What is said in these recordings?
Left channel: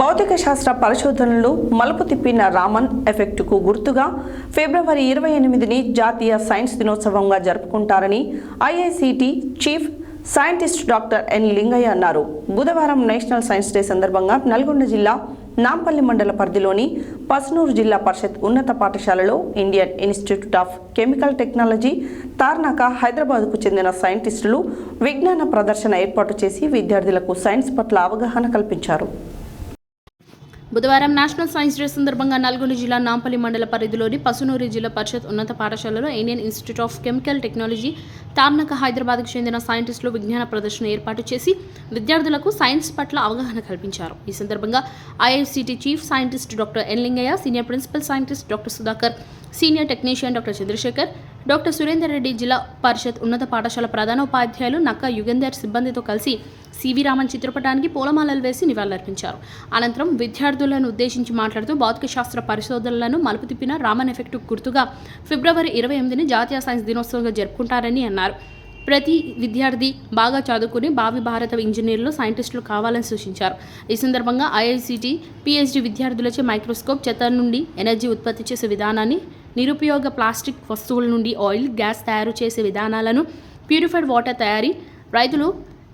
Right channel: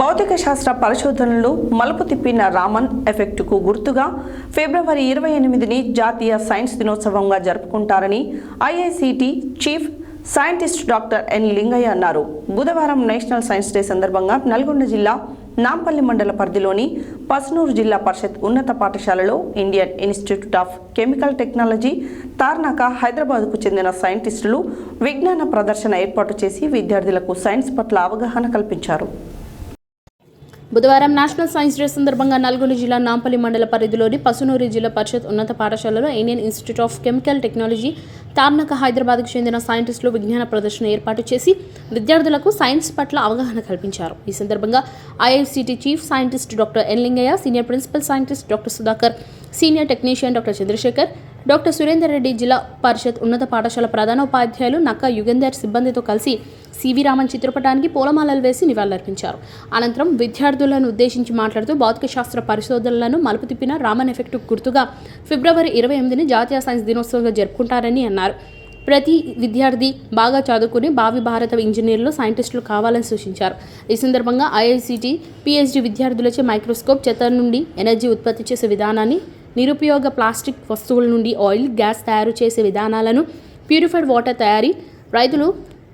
భౌతిక శాస్త్ర పరిశోధనలు మలుపు తిప్పిన రామన్ ఎఫెక్టుకు గుర్తుగా ఫిబ్రవరి 28ని జాతీయ సైన్స్ దినోత్సవంగా జరుపుకుంటారని IICT chief scientist doctor N Lingaiah అన్నారు. బుధవారం నేషనల్ సైన్స్ డే సందర్భంగా నల్గొండ జిల్లా నాంపల్లి మండల పరిధిలోని పస్నూరు జిల్లా పరిషత్ ఉన్నత పాఠశాలలో Indian institute of chemical technology Tarnaka హైదరాబాద్కు చెందిన సైంటిస్టులు విజ్ఞాన ప్రదర్శన ఏర్పాటు చేసి విద్యార్థులకు సైన్స్ పట్ల అవగాహన కల్పించారు. బుధవారం నేషనల్ సైన్స్ డే సందర్భంగా నల్గొండ జిల్లా నాంపల్లి మండల పరిధిలోని పసునూరు జిల్లా పరిషత్ ఉన్నత పాఠశాలలో Indian institute of chemical technology Tarnaka హైదరాబాద్కు చెందిన సైంటిస్టులు విజ్ఞాన ప్రదర్శన ఏర్పాటు చేసి విద్యార్థులకు సైన్స్ పట్ల అవగాహన కల్పించారు. ఈ సందర్భంగా IICT chief scientist doctor N Lingaiah, senior principal scientist doctor Sudhakar, senior technician doctor Chandrashekar, doctor Surender Reddy, జిల్లా పరిషత్ ఉన్నత పాఠశాల ప్రధాన ఉపాధ్యాయులు నక్క యుగంధర్ సిబ్బందితో కలిసి సివి రామన్ చిత్రపటానికి పూలమాలలు వేసి నివాళులర్పించారు. అనంతరం విద్యార్థులను ఉద్దేశించి మాట్లాడుతూ భౌతిక శాస్త్ర పరిశోధనలను మలుపు తిప్పిన రామన్ ఎఫెక్ట్ గుర్తుగా ఫిబ్రవరి 28ని జాతీయ సైన్స్ దినోత్సవంగా జరుపుకుంటారని అన్నారు. ప్రతి విద్యార్థి బాగా చదువుకుని భావి భారత ఇంజనీర్లు, సైంటిస్టులు కావాలని సూచించారు. ఈ సందర్భంగా ఐఐసిటి పిహెచ్డి విద్యార్థులచే మైక్రోస్కోప్, చెత్త నుండి ఎనర్జీ ఉత్పత్తి చేసే విధానాన్ని, నిరుపయోగ ప్లాస్టిక్ వస్తువుల నుండి ఆయిల్, గ్యాస్ తయారు చేసే విధానాలను, ప్యూరిఫైడ్ వాటర్ తయారీ, రైతులు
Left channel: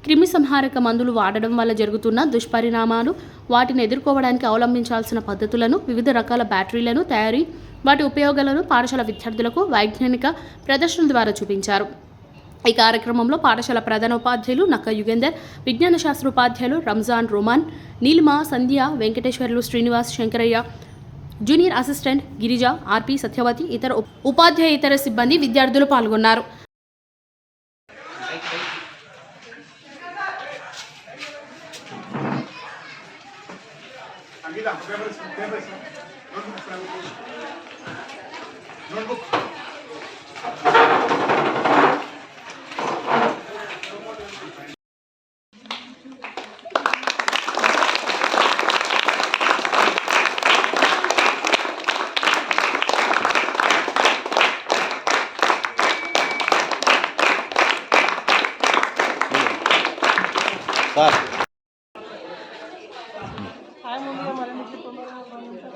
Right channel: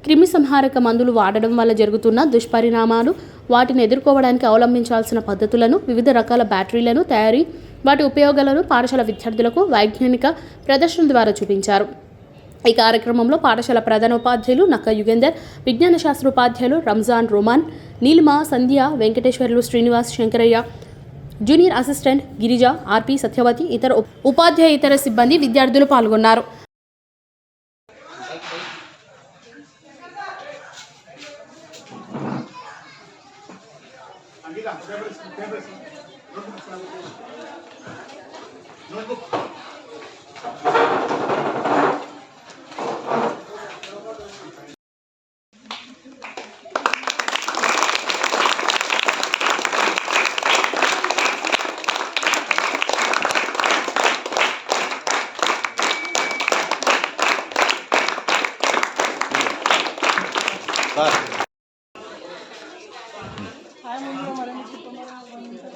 క్రిమి సంహారక మందులు వాడడం వల్ల జరుగుతున్న దుష్పరిణామాలు, వాటిని ఎదుర్కోవడానికి అవలంబించాల్సిన పద్ధతులను, వివిధ రకాల బ్యాటరీలను తయారీ, వాటి ఉపయోగాలను పాఠశాల విద్యార్థులకు వైజ్ఞానిక ప్రదర్శన ద్వారా చూపించారు. ఈ కార్యక్రమంలో పాఠశాల ప్రధాన ఉపాధ్యాయులు నక్క యుగేందర్, విజ్ఞాన శాస్త్ర ఉపాధ్యాయులు రంజాన్, రోమాన్, నీలిమ, సంధ్య, వెంకటేశ్వర్లు, శ్రీనివాస్, శంకరయ్య, జూనియర్ అసిస్టెంట్ గిరిజ, ఆర్పి, సత్యవతి, ఇతర ఉపాధ్యాయేతర సిబ్బంది, విద్యార్థులు పాల్గొన్నారు.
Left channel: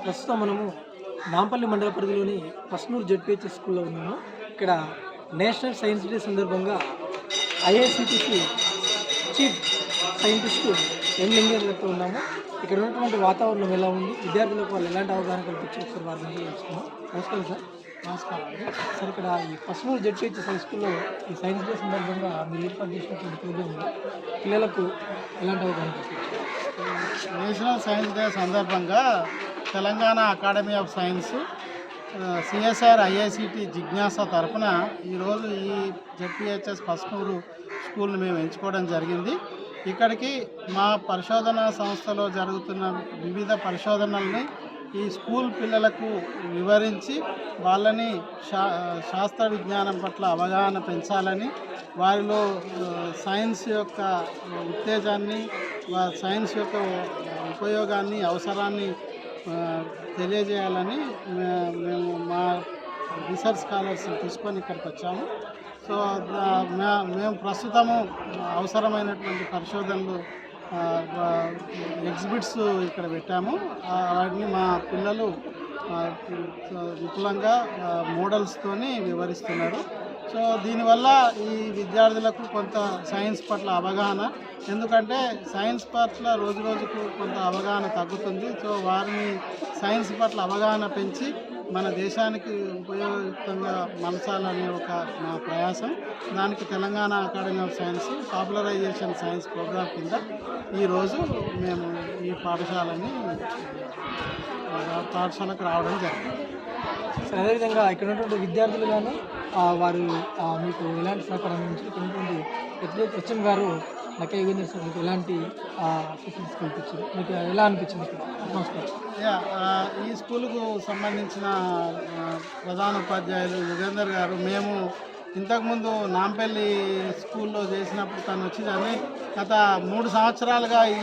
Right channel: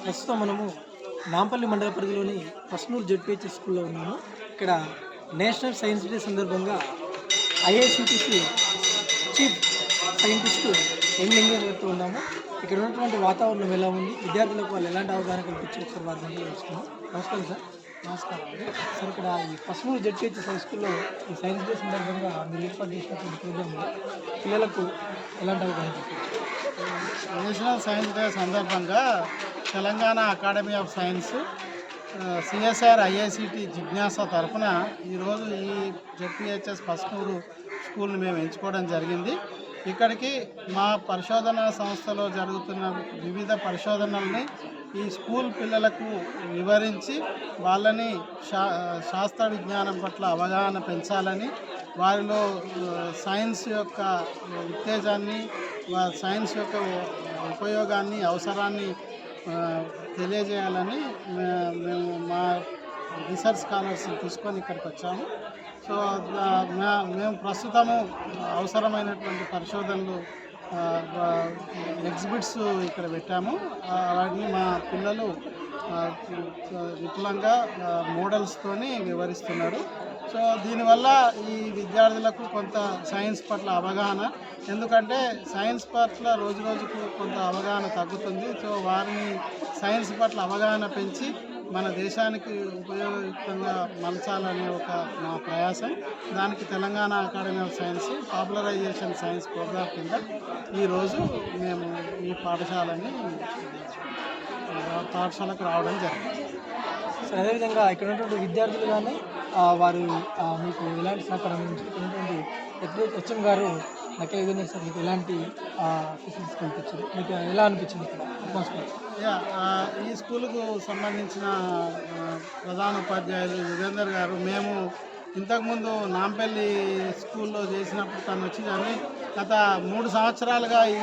ప్రస్తుతం మనము నాంపల్లి మండల పరిధిలోని పస్నూరు జెడ్పిహెచ్ స్కూల్లో ఉన్నాము. ఇక్కడ నేషనల్ సైన్స్ డే సందర్భంగా ఐఐసిటిసి చీఫ్ సైంటిస్ట్ ఎన్ లింగయ్య గారితో ఉన్నాము. ఇక్కడ ఉన్నటువంటి వాతావరణం ఎలా ఉంది, విద్యార్థులకు వాళ్ళు ఎలాంటి అవగాహన కల్పించి ఒకసారి వారి మధ్య తెలుసుకున్నాం. నమస్కారం సార్. నమస్కారం అండి. సార్, ఇక్కడ ఈ పస్నూరు జెడ్పిహెచ్ హై స్కూల్లో ఈ సైన్స్ డే సందర్భంగా మీరు ఏర్పాటు చేసినటువంటి ప్రోగ్రాంలో పిల్లలకు ఎలాంటి అవగాహన కల్పించారు? నేషనల్ సైన్స్ డే సందర్భంగా Telangana academy of science, CSR, IICT జిజ్ఞాస తరఫున ఈరోజు ఈ జెడ్పిహెచ్ఎస్ పస్నూరు స్కూల్ని మేము ఎంచుకోవడం జరిగింది. ఇక్కడికి మా పరిశోధనా సంస్థలో జరుగుతున్న వివిధ పరిశోధనల్ని ఈ స్కూల్ పిల్లలకు వివరించి వాళ్ళని శాస్త్ర విజ్ఞానం పట్ల అవగాహన పెంచాలని, వారిలో సైన్స్ యొక్క ఉత్తేజాన్ని, సైన్స్ యొక్క ఉపయోగాన్ని, అవసరాన్ని తెలియజేయాలని మేము మా రీసెర్చ్ స్కాలర్స్ తీసుకొని ఇక్కడికి వచ్చాము. సో మేము ప్రస్తుతము అవసరమైనటువంటి పరిశోధనలు ఎగ్జిబిట్స్ ఇక్కడ పెట్టాము. వాటిని మా పిల్లలు విపులంగా మోడల్స్తోని వివరిస్తున్నారు. సో దీనివల్ల ఈ విద్యార్థులకు కొంత సైన్స్ పట్ల అవగాహన, ఎందుకంటే సైన్స్ పట్ల రోజు రోజుకు కొంత అవగాహన తగ్గుతుంది. సో వారిని సైన్స్ పట్ల అవగాహన పెంచి మన దేశానికి ఉపయోగయుక్తంగా మలచాలనే ఒక మా ప్రయాసం. దానికి Telangana academy of science popularisation science programme కింద ఈరోజు మేము ఈ పాఠశాలకు రావడం జరిగింది. సార్, అదేవిధంగా ఇక్కడ ఉన్నటువంటి విద్యార్థులు కానీ వారు మీకు ఎలాంటి సహకారం నుంచి ఇక్కడ ఉన్నటువంటి హెచ్ఎం గారు నక్క యుగేందర్ సార్ మీకు ఎలాంటి ఫెసిలిటీస్ కల్పించారు, మీకు ఎలా అనిపించింది ఇక్కడ అట్మాస్ఫియర్? ఈ స్కూలుకు సంబంధించిన ప్రధాన ఉపాధ్యాయులు యుగేందర్ గారు, మేము ఇంతకుముందు నాంపల్లి స్కూల్లో చేసినప్పుడు తను వచ్చి దాన్ని గత 3 సంవత్సరాలుగా ఈ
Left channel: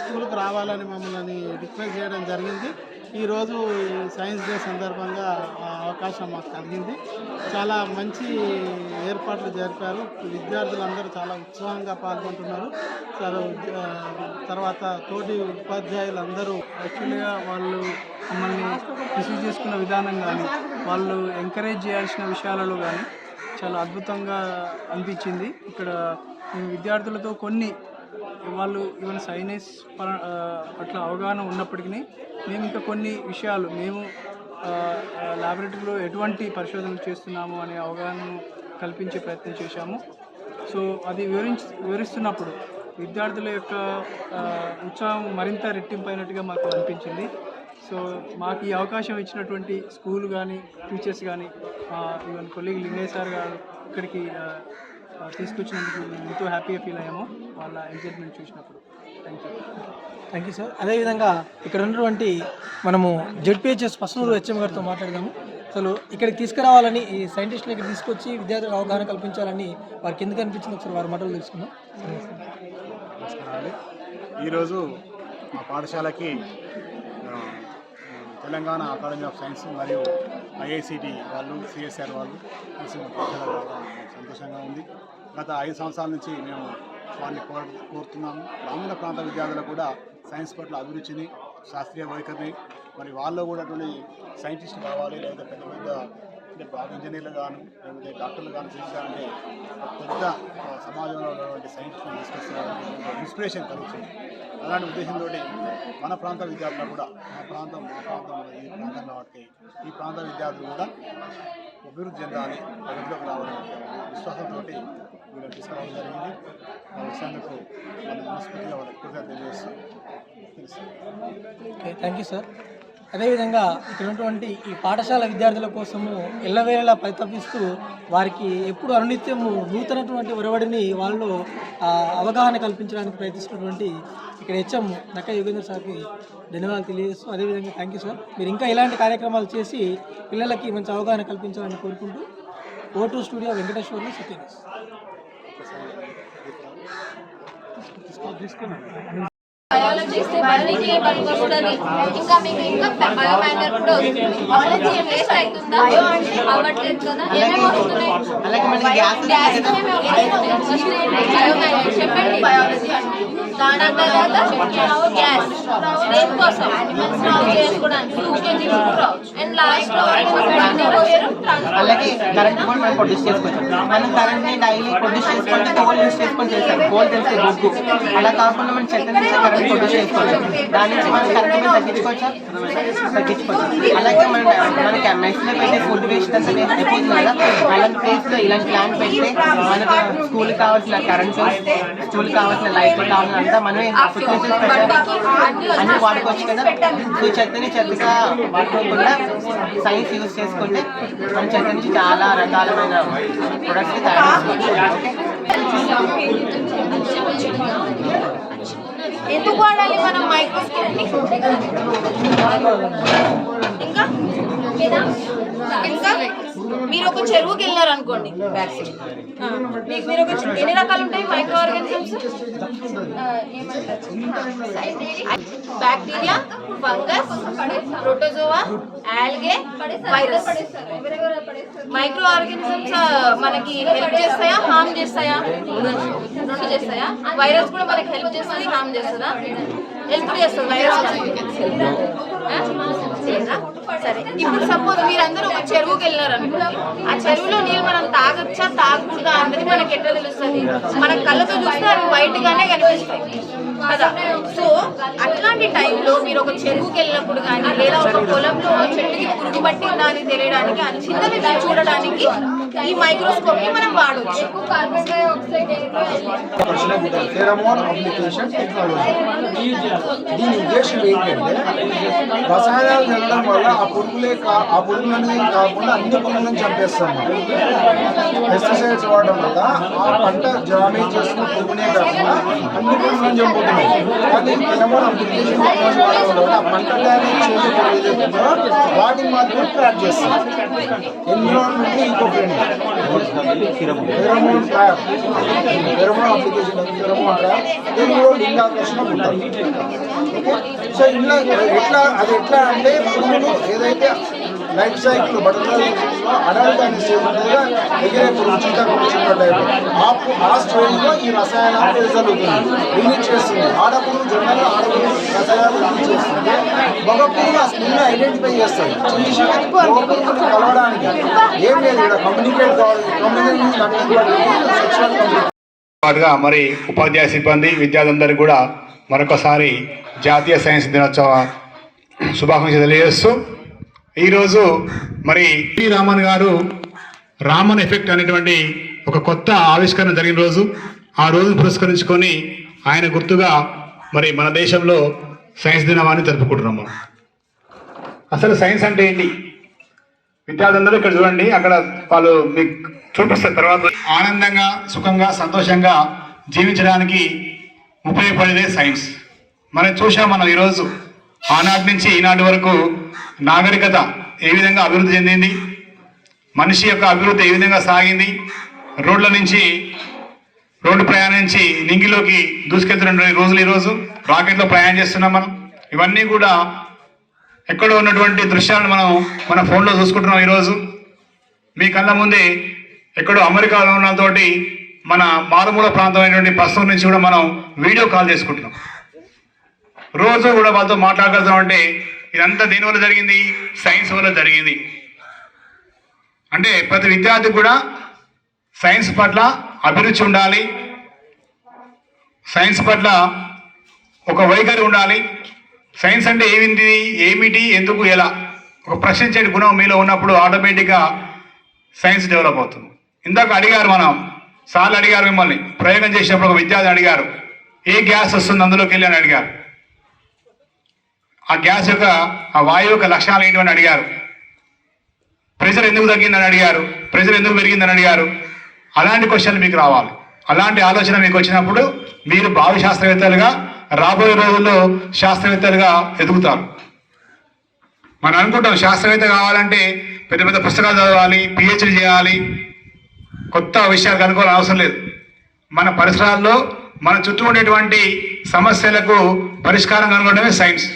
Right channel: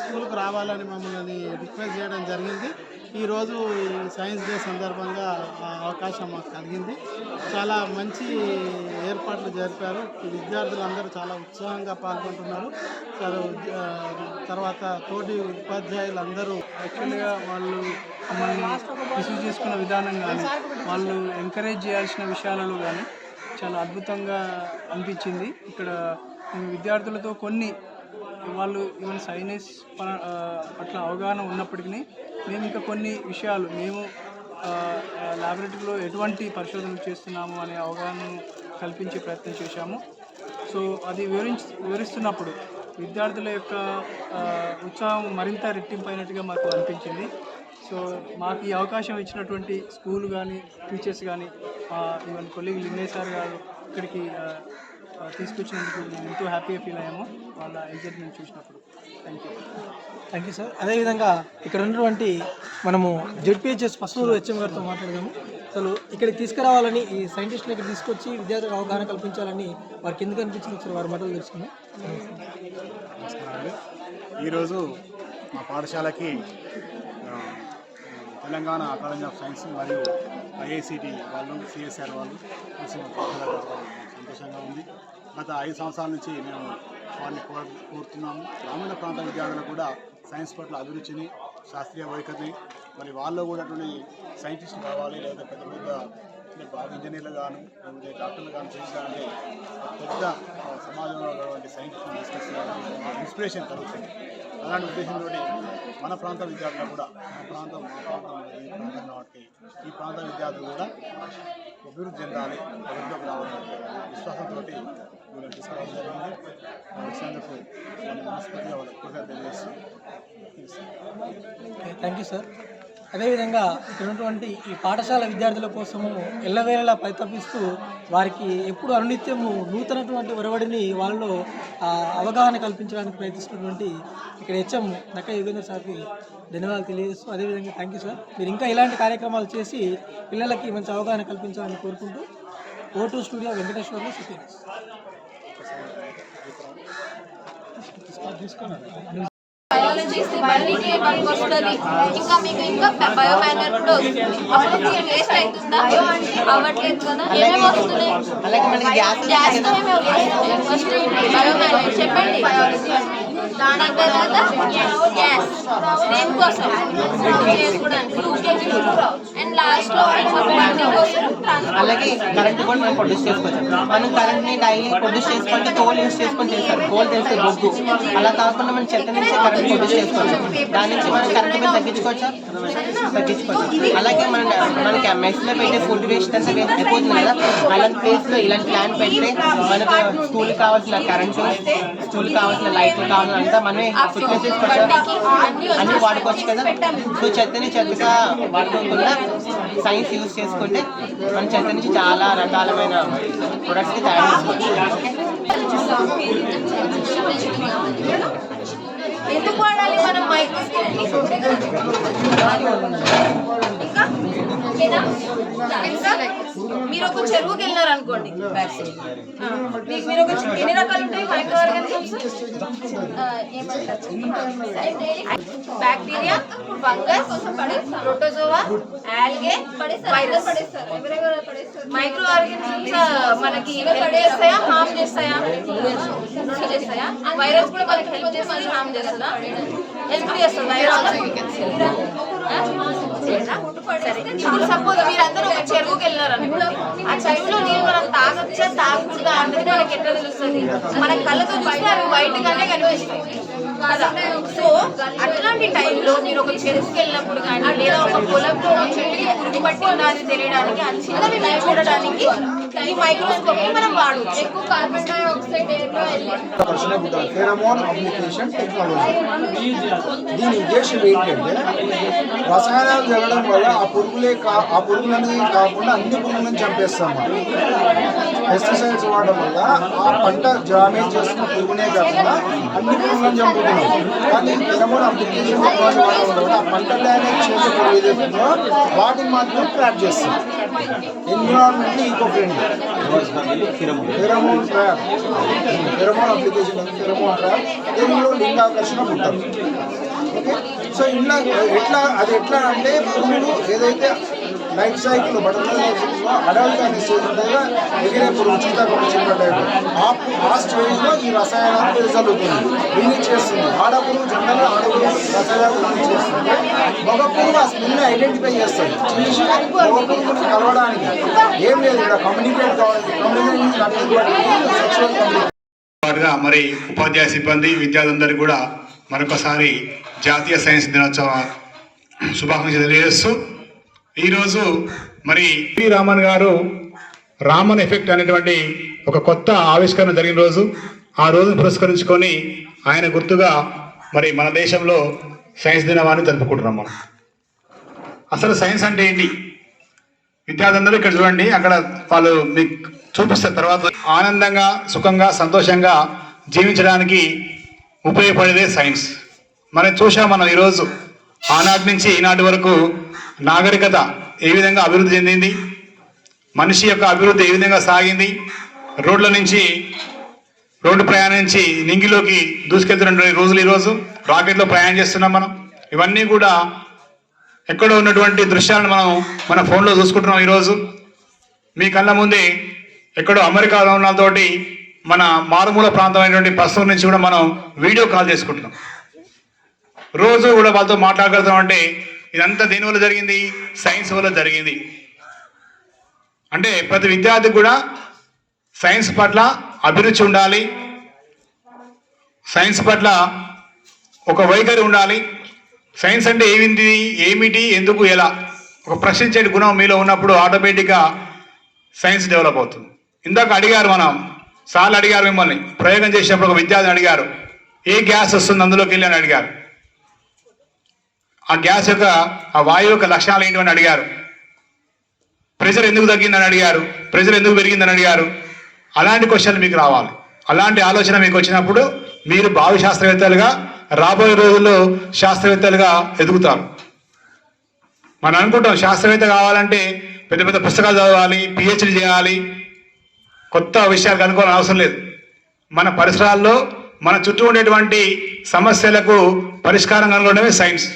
స్కూల్కు రావాలని మమ్మల్ని రిక్వెస్ట్ చేయడం జరిగింది. ఈరోజు ఈ సైన్స్ డే సందర్భంగా ఆ అవకాశం మాకు కలిగింది. చాలా మంచి ఏర్పాట్లు జరిపారు. విద్యార్థులందరూ చాలా ఉత్సాహంగా పాల్గొంటున్నారు. తర్వాత తోటి ఉపాధ్యాయులందరూ యాక్చువల్గా వాళ్ళు మమ్మల్ని రిసీవ్ చేసుకున్న విధానం కానీ, వాళ్ళు ఎంకరేజ్ చేయాల్సిన విషయాలలో కానీ చాలా అద్భుతంగా అనిపించింది. ఇక్కడ మేము విద్యార్థులతో కొన్ని వాళ్ళు ఈవెన్ సైన్స్ పట్ల అవగాహన ఉన్నప్పటికీ మేము ఇంకా కొన్ని విషయాలు మేము ల్యాబొరేటరీలో ఎటువంటి పరిశోధనలు చేస్తున్నాము అనే అవగాహనను కల్పించే ప్రయత్నం చేశాము. సో అది వివరిస్తున్నప్పుడు విద్యార్థుల యొక్క ఉత్సాహం మరింత రెట్టింపైనట్టుగా మాకు అనిపించింది. సో మాకు ఈ అవకాశం ఇచ్చినటువంటి స్కూల్ కానీ, టీచర్స్ కానీ, ఈవెన్ కొలీగ్ లింగయ్య సార్ గారు ఇక్కడికి తీసుకొచ్చినందుకు మేము ఎంతో హ్యాపీగా ఫీల్ అయ్యాము వాళ్ళ ఎగ్జైట్మెంట్ చూసినప్పుడు. Thank you sir. అదేవిధంగా ఇక్కడ ఉన్నటువంటి మనము జెడ్పీహెచ్ఎస్ పసునూరు హెచ్ఎం గారితో మాట్లాడదాము. అసలు ఇక్కడికి తీసుకురావాలని, ఈ సైంటిస్ట్ని ఇక్కడ తీసుకొచ్చి విద్యార్థులకు అవగాహన కల్పించాలని వారికి ఎందుకు అనిపించింది ఒకసారి వారి మాటలు తెలుసుకుందాం. నమస్కారాలు. ఈరోజు మా పాఠశాలకి తెలంగాణ అకాడమీ ఆఫ్ సైన్స్ మరియు ఐఐసిటి వాళ్ళు, సిఎస్ఆర్ వాళ్ళు కలిసి మా పాఠశాల రావడం సంతోషంగా ఉంది. గత 5 సంవత్సరాల నుంచి మేము వారిని కోరుతున్నాము. గ్రామీణ ప్రాంత విద్యార్థులకు కూడా సైన్స్ పట్ల అభిరుచిని, శాస్త్రీయ వైఖరిని, మరి వాళ్ళు కూడా అటువంటి సైంటిస్ట్ కావాలి, లేదా పెద్ద పెద్ద బాగా ఇంజనీర్లు గాను, లేకపోతే డాక్టర్లు కానీ చేయాలంటే పెద్ద సమాజంలో ఉన్నటువంటి సైంటిస్ట్ని తీసుకొస్తున్నటువంటి ఇన్స్పిరేషన్ కలుగుతుంది. అలాంటి ఉద్దేశంతో మన ప్రాంత విద్యార్థులు కూడా ఈ ప్రాంతం కాబట్టి ఈ ప్రాంత విద్యార్థులు కూడా అభివృద్ధి చెందాలి, అభివృద్ధిలోకి రావాలనే విశ్వాసంతో వీళ్ళని తీసుకురావడం జరిగింది. వచ్చినందుకు మన మనస్ఫూర్తిగా వాళ్ళకి కృతజ్ఞతలు తెలియజేస్తూ. Thank you sir. అదేవిధంగా ఇక్కడ ఉన్నటువంటి ఈ పాఠశాల విద్యార్థుల కోసము ఎల్లవేళలా పరితపిస్తూ వారికి ఎప్పుడు అనునిత్యము నూతనటువంటి ఒరవడిని వాళ్ళలో అవగాహన కల్పించడానికి ప్రయత్నిస్తున్నటువంటి ఇక్కడ హెచ్ఎం నక్క యోగేంద్ర సార్కి ధన్యవాదాలు తెలియజేస్తూ, అదేవిధంగా థ్యాంక్ యూ సార్. మీరు ఇంకా ఇలాంటి కార్యక్రమాలు చేసి పిల్లలకి మంచి అవగాహన కల్పించాలని కోరుకుంటూ O2 studio వెంకటేశ్వర్లో Satyanarayana. Biologists biology పనికొస్తుంది. ఇంకా మీకు ఇంకా బయోమైనర్ కూడా వస్తుంది. అప్పుడు వేస్ట్ అవుతుందా? అవ్వట్లేదు కదా. ఏమేమి వస్తున్నాయి? గ్యాస్ ఫస్ట్ బయోమైనర్ చెప్పండి. బయాలజీ దాని తర్వాత గ్యాస్ దేనికోసం స్టవ్ చేసుకోవడానికి, కుకింగ్ అండ్ లాస్ట్ లో అలాగే కరెంట్ కూడా మనం ప్రొడ్యూస్ చేసుకోవచ్చు. మనం కరెంట్ని డైలీ ప్రొడ్యూస్ చేసుకుంటే కోల్ యూస్ చేసుకొని చేస్తారు. కోల్ తెలిస్తే బొగ్గు. అలా కాకుండా మనం చెత్త నుంచి కరెంట్ ప్రొడ్యూస్ చేసుకోవచ్చు. దాని నుంచి మనం కరెంట్ బిల్ తగ్గించుకోవచ్చు. అలాగే మనకి మెస్లో పెట్టే ఫుడ్ వేస్ట్ అంతా అయిపోతుంది కదా. అలాంటి ప్లేస్లో ఇలాంటి ప్లాంట్ పెడితే మనకు స్కూల్కి కావాల్సిన కరెంటు, స్కూల్కి కావాల్సిన లైట్లు కావాలని అంతా మనమే ఫుడ్ చేసుకోవచ్చు, అన్నీ వాడుకోవచ్చు కదా. సో చెత్తని చెత్తగా వాడుకోకుండా సైన్స్ యూజ్ చేసుకుంటే మన చెత్త నుంచి చాలా రకాలమైన ప్రొడక్ట్స్ తయారు చేసుకోవచ్చు. ఎందుకు వాడాలి మనం మైక్రోస్కోప్ ని? ఇంకా మీరు ఒక చెరువుకి వెళ్ళారు అనుకోండి, మీరు ఒక ఎన్ని రకాలు ఉంటాయి micro organisms? Bacteria, fungus, protozoa, algae, virus. Micro organisms మనకి హెల్ప్ చేస్తాయా, హార్మ్ చేస్తాయా? రెండు చేస్తాయా? వైరస్ కూడా మనకి హెల్ప్ చేస్తుంది, హార్మ్ చేస్తుందా? హెల్ప్ చేస్తుంది వైరస్. సరే, ఇప్పుడు సపోజ్ మీరందరూ ఒక చెరువుకి వెళ్ళారు అనుకోండి. ఆ చెరువులో నీళ్ళు మనం తాగొచ్చా తాగకూడదా అన్నది మనకి ఎట్లా తెలుస్తుంది? మన కళ్ళతో చూస్తే అవి వైట్ గానే కనిపిస్తాయి కదా. సో అట్లాంటి టైంలో మీరు ఒక చెరువుకి వెళ్ళినప్పుడు కానీ, లేదా ఒక పొలంలో చెట్టుకి పురుగు పట్టిందా అని తెలియడానికి, ఆ చిన్నవి చూడడానికి ఈ మైక్రోస్కోప్ ని మనం వాడవచ్చు. Carbon dioxide pheromone application technology. దీని ఉద్దేశం ఏంటంటే రసాయనాలు జరగడం వల్ల ఆ పురుగులని కాకుండా అన్ని పురుగులను చంపేస్తాం. పెస్టిసైడ్స్ వాడడం వల్ల ఆ పంట డ్యామేజ్ చేస్తున్న పురుగునే కాకుండా అన్ని పురుగులను చంపుతున్నాం. కానీ ఫెరమోన్ అప్లికేషన్ టెక్నాలజీ వాడడం వల్ల ఆ పంట డ్యామేజ్ చేసే పురుగు ఏదైతుందో వాటిని మాత్రం ట్రాప్ చేస్తాం. Environment eco friendly. Pheromone trap, pheromone application, pheromone trap, తెలుగులో లింగాకర్షణ పుట్టాలి. ఓకే. సో ఇలా ఎట్లా అంటే పురుగులు ఏదైతే లైఫ్ సైకిల్ బటర్ఫ్లై అడల్ట్ అనే స్టేజ్ ఉంటుందిగా ఎగిరే పురుగు చీతాకొక చిన్న టైప్ ఆ స్టేజ్లో ఈ రసాయనాలు వెదజల్లుతుంది, రిలీజ్ చేస్తుంది. ఆడపురుగు జనరల్గా ఆడపురుగు రసాయనాలు రిలీజ్ చేస్తుంది. మగ పురుగు ఆ స్మెల్ని ఐడెంటిఫై చేస్తుంది. చూసి మగ పురుగుని కలవడానికి ఏం లేదు, ఇక్కడ కమ్యూనికేట్ కావాలి. మరి ఉపాధ్యాయ సిబ్బంది విద్యార్థులందరికీ కూడా మరొకసారి జాతీయ సైన్స్ దినోత్సవ శుభాకాంక్షలు తెలియజేస్తూ ఈరోజు మరి పి రామన్ గారు రామన్ ఎఫెక్ట్ అనేటువంటి ఒక కొత్త ఆవిష్కరణ జరిగిన రోజు. ఆ రోజును పురస్కరించుకొని ఆయన గుర్తుగా మరి మన దేశంలో సైన్స్ దినమాన్ని జరుపుకుంటున్నాం మనం. అసలు సైన్స్ అంటే ఏంటి? విద్యార్థులందరూ ఇక్కడ చూడండి, అక్కడ వాళ్ళు మీకు చూపిస్తారు. తర్వాత ఆనందంగా సుఖంగా సంతోషంగా జీవించడానికి ఉపయోగపడేదే సైన్స్. మనం ఈరోజు ఆనాటి నుంచి ఈనాటి వరకు నాగరికత ఏ విధంగా అభివృద్ధి చెందింది, మనిషి యొక్క అభివృద్ధి ఏ విధంగా సాగింది, రోడ్డు ప్రయాణం నుంచి నింగిలోకి దూసుకెళ్తున్న రోజులు ఈరోజు రాకెట్లో ప్రయాణం చేస్తున్నాం మనం. ఇవన్నీ కూడా ఎక్కడో ఉన్నటువంటి దృశ్యాలను మనం మన ఫోన్లో చూసుకుంటున్నాం. ఈరోజు మీ కళ్ళ ముందే ఎక్కడో అమెరికాలో ఉన్నతోటి మన మారుమూల ప్రాంతమైనటువంటి పశువుల నుంచి కూడా మనం వీడియో కాల్ చేసుకుంటున్నాం. రోజు కూడా వాళ్ళతో మాట్లాడగలుగుతామంటే ఇదంతా దేని వల్ల జరిగింది? సైన్స్ వల్ల జరిగింది. అంటే ప్రతి విద్యార్థికి కూడా సైన్స్ పట్ల అభిరుచి ఉండాలి, సైన్స్ పట్ల ఒక వైఖరి ఉండాలి. సైన్స్ అంటే ఏమిటి, ఎందుకు, ఎలా ఒక ప్రశ్నించే గుణం మీలో ఉన్నప్పుడు ఆటోమేటిక్గా సైన్స్ డెవలప్ అవుతుంది. ఇందాక అడిగారు, సార్లు అడిగారు మిమ్మల్ని ప్రయోగం చేసినప్పుడు ఒక విద్యార్థి అడిగారు, ఏ గ్యాస్ వస్తుంది అందులోకి వెళ్ళి అని అడిగారు. ఆ గ్యాస్ యొక్క ఆ వాయువు యొక్క లక్షణాలు ఏంటని అడిగారు. ప్రెషర్ ఎందుకు తగ్గిందని అడిగారు, ప్రెషర్ ఎందుకు పెరిగిందని అడిగారు. అలాంటి క్వశ్చన్లు మీకు రావాలి. అలాంటి ఆలోచన మీకు వచ్చినప్పుడు మీరు భావి శాస్త్రవేత్తలుగా, రాబోయే రోజుల్లో శాస్త్రవేత్తలుగా ఎదుగుతారు. మనం అనుకుంటాం శాస్త్రవేత్త కావాలంటే పెద్ద పెద్ద పుస్తకాలు చదవాలి, పిహెచ్డి చేయాలి, కొత్త విషయాలు కనుక్కోవాలని అవసరం లేదు. మన పరిసరాల్లో మన చుట్టూ ఉండేటువంటి సమస్యలకు పరిష్కారం కనుగొనడమే సైన్స్.